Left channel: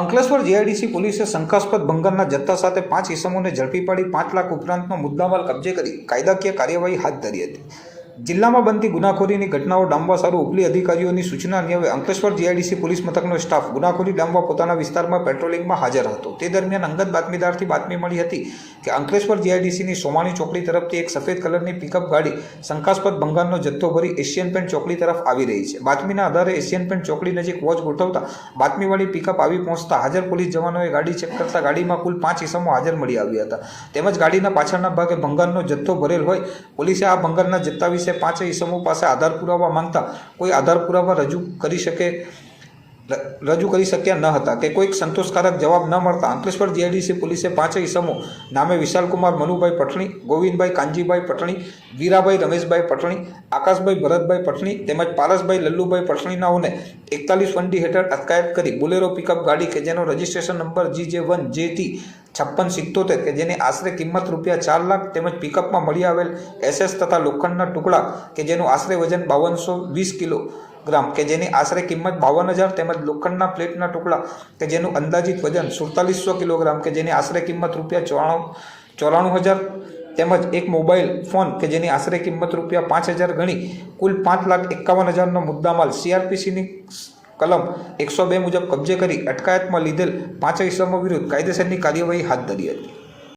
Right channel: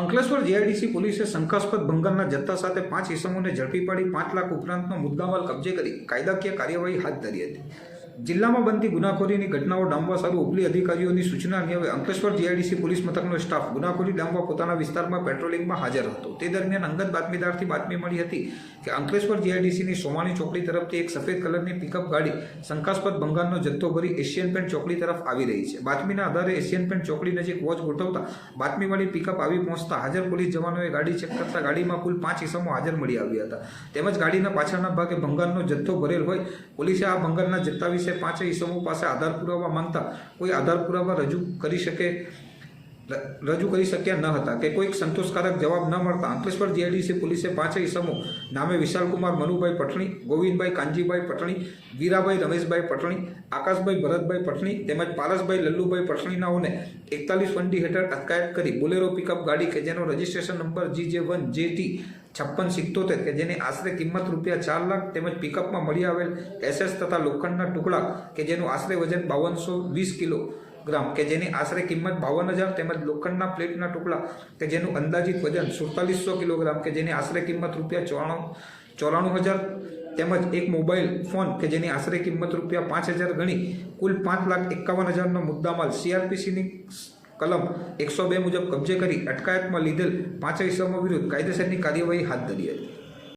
Ankleshwar GIDC પોલીસે શંકાસ્પદ ભંગારના જથ્થા સાથે 5 ઇસમોને ઝડપી પાડી 5 લાખ ઉપરાંતનો મુદ્દામાલ કબજે કરી કાયદાકીય કાર્યવાહી હાથ ધરી હતી। જિલ્લામાં બનતી ગુનાખોરીની ઘટનાઓ ડામવા સારું ઉપલી અધિકારીઓની સૂચના અન્વયે અંકલેશ્વર જીઆઈડીસી પોલીસ મથકનો સ્ટાફ ગુનાખોરી ડામવા પોતાના વિસ્તારમાં પેટ્રોલિંગમાં હાજર હતો। તે દરમિયાન અંગત બાતમીદારથી બાતમી મળી હતી કે અંકલેશ્વર જીઆઈડીસીની સોમાણી ચોકડી તરફથી એક સફેદ કલરની પિકઅપ ગાડી શંકાસ્પદ ભંગારનો જથ્થો ભરી એશિયન પેન્ટ ચોકડી તરફ આવી રહી છે। બાતમીના આધારે એશિયન પેન્ટ ચોકડી નજીક વોચ ગોઠવતા બાતમીવાળી પિકઅપ આવી પહોંચતા હાજર પોલીસ જવાનોએ ગાડી ચેક કરતા ગાડીમાં કુલ 5 ઇસમો હાજર મળી આવ્યા હતા। તેમજ ગાડીના પાછળના ભાગે ભંગારનો જથ્થો ભરેલ હોય પોલીસે આ ભંગારના જથ્થા વિશે 5 ઇસમો પાસે આધાર પુરાવા માંગતા કોઈ આધાર પુરાવા રજૂ કરી શક્યા ન હતા કે કોઈક સંતોષકારક જવાબ ન મળતા અંકલેશ્વર જીઆઈડીસી પોલીસે 5 ઇસમો નામે વિશાલકુમાર મનુભાઈ પટણી, ગોવિંદભાઈ કાનજીભાઈ પટણી, વીરાભાઈ રમેશભાઈ પટણી, આકાશભાઈ ભરતભાઈ પટણી તેમજ પારસભાઈ લલ્લુભાઈ પટણીનાઓને 41 વંડી હેઠળ અટકાયત કરી બોલેરો પિકઅપ ગાડી કે જેનો રજિસ્ટ્રેશન નંબર GJ1JT 5677 કે જેની આશરે કિંમત ₹4 લાખ તેમજ પિકઅપમાં મળી આવેલ SS તથા લોખંડના ટુકડા કે જેનું આશરે વજન 5220 કિલોગ્રામ કે જેની આશરે કિંમત 52,000 તેમજ લોખંડના પ્લેટના ટુકડા કે જેનું અંદાજિત વજન 4700 કિલોગ્રામ કે જેની આશરે કિંમત ₹94,000 તેમજ એક મોબાઈલ ફોન કે જેની આશરે કિંમત ₹5,000 ગણી કુલ 5,51,000નો મુદ્દામાલ CRPCની કલમ 102 મુજબ કબજે કરી અટકાયતમાં લીધેલ 5 ઇસમો વિરુદ્ધ કાયદેસરની કાર્યવાહી હાથ ધરી હતી।